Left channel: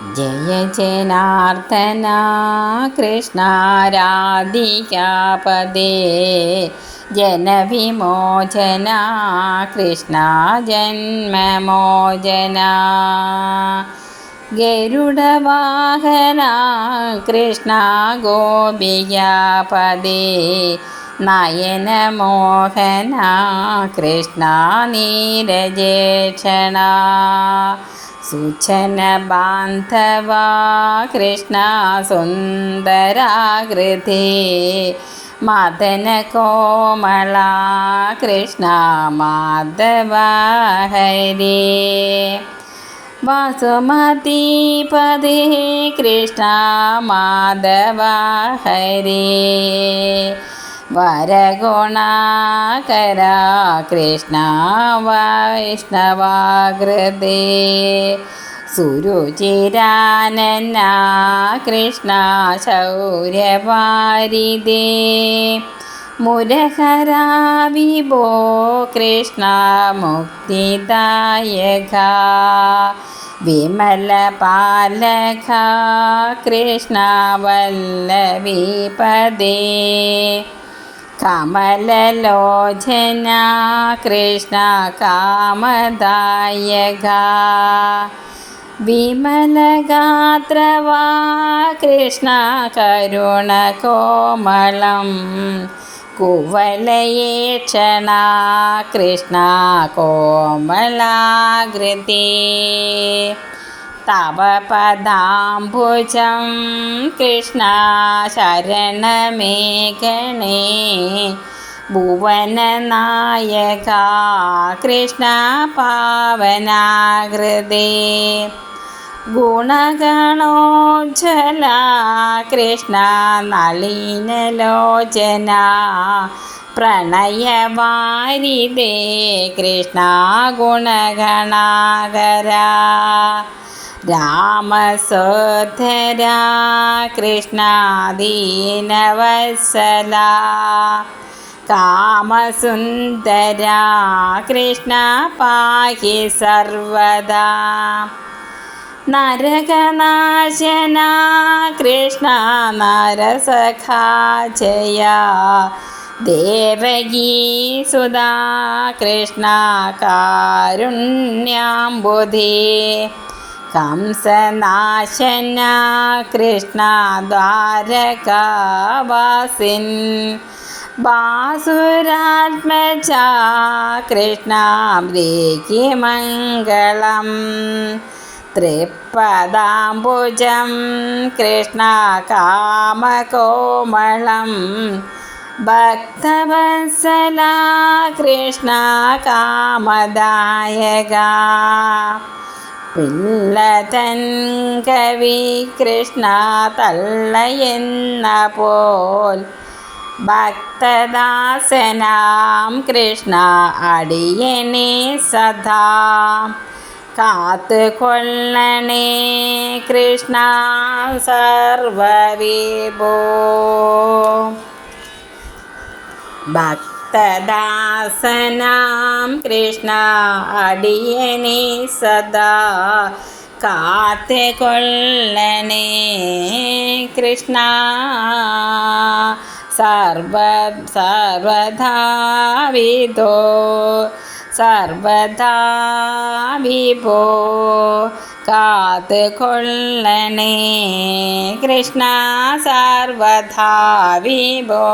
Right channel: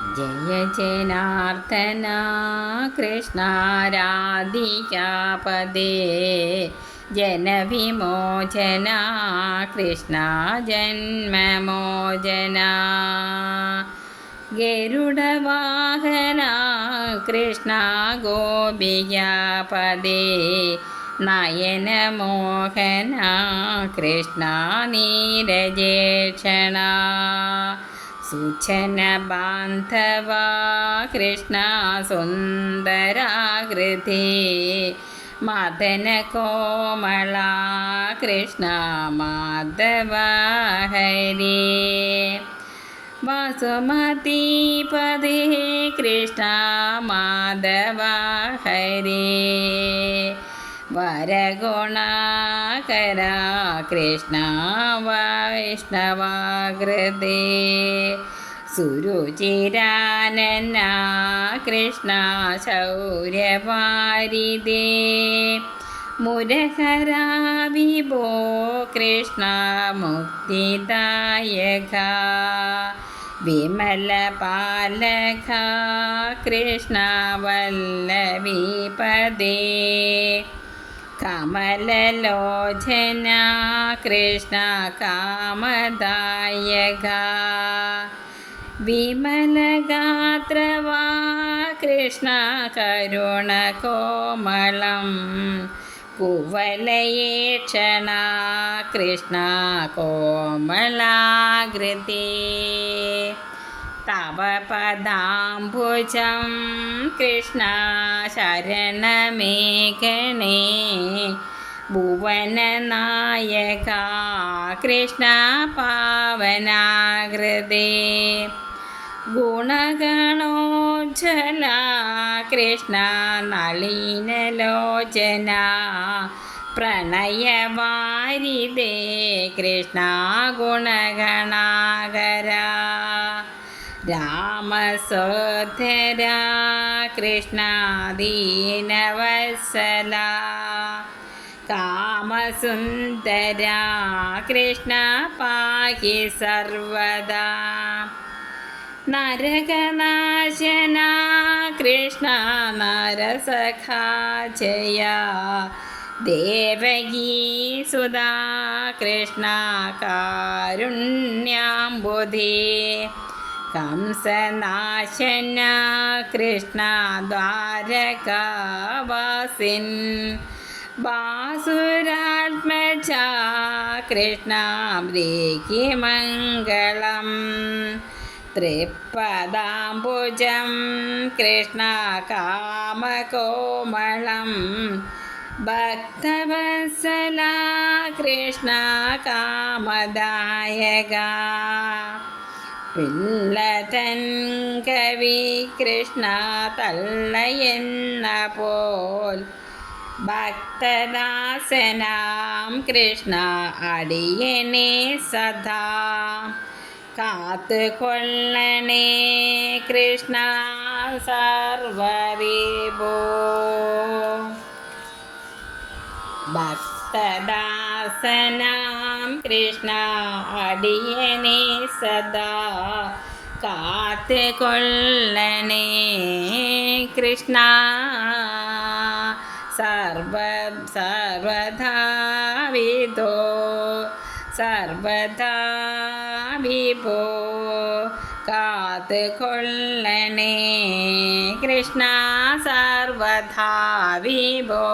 ജയ ജനാർദ്ദന കൃഷ്ണ രാധികാപദേ ജനവിമോചന കൃഷ്ണ ജന്മമോചന. ഗരുഡവാഹന കൃഷ്ണ ഗോപികാപദേ നയനമോഹന കൃഷ്ണ നീരജേക്ഷണ. सुचनबान्धवा कृष्ण सुन्दराकृति मातन कोमला माधवा हरे वासुमतीपदे कृष्णा माधवा हरे वरगुणाकरा कृष्णा वैष्णवाकृते। सुरुचिरानन्ना कृष्णा शौर्यपारिदे मुरहरा विभो कृष्ण मुक्तिदायघा विमलपालघा कृष्णवल्लविपदे कमललोचना कृष्ण कामदायगा विमलगात्र वा कृष्ण करुण कोमलं। कुवलयेक्षणा कृष्ण कोमलागृदे കുവലയേക്ഷണ കൃഷ്ണ കൃഷ്ണ ശരണമേഘണേ ഭുവനനായക കൃഷ്ണ പാവനാകൃതേ. ഗുണഗണോജ്ജല കൃഷ്ണ നളിനലോചന. പ്രണയവാരിതേ കൃഷ്ണ ഗുണഗണാകര. രാമസോധര കൃഷ്ണ ദീനവത്സല കാമസുന്ദര കൃഷ്ണ പാഹി സർവദാ. നരകനാശന കൃഷ്ണ നരസഖാ ജയ. ദേവകീ സുധാ കൃഷ്ണ കാരുണ്യാംബുധേ कंसनाशन् कृष्णाद्वारका वासिन् बासुरात्म च कृष्णामृकिमङ्गलं तृपदाम्बुजं कृष्णकामकोमलं भक्तव कृष्णकामदायगा പിള്ളതൻ കവി കൃഷ്ണ തള്ളയെന്ന പോൽ ഭക്തദാസനാം കൃഷ്ണ അടിയനെ സദാ കാത്തു കൊള്ളണേ കൃഷ്ണ സർവവിഭോ. ഭക്തദാസനാം കൃഷ്ണ അടിയനെ സദാ കാത്തു കൊള്ളണേ കൃഷ്ണ സർവ സർവധാ വിധോ സർവദാ വിഭോ കാത്ത് കൊള്ളണേ കൃഷ്ണ സർവധാ വിഭോ.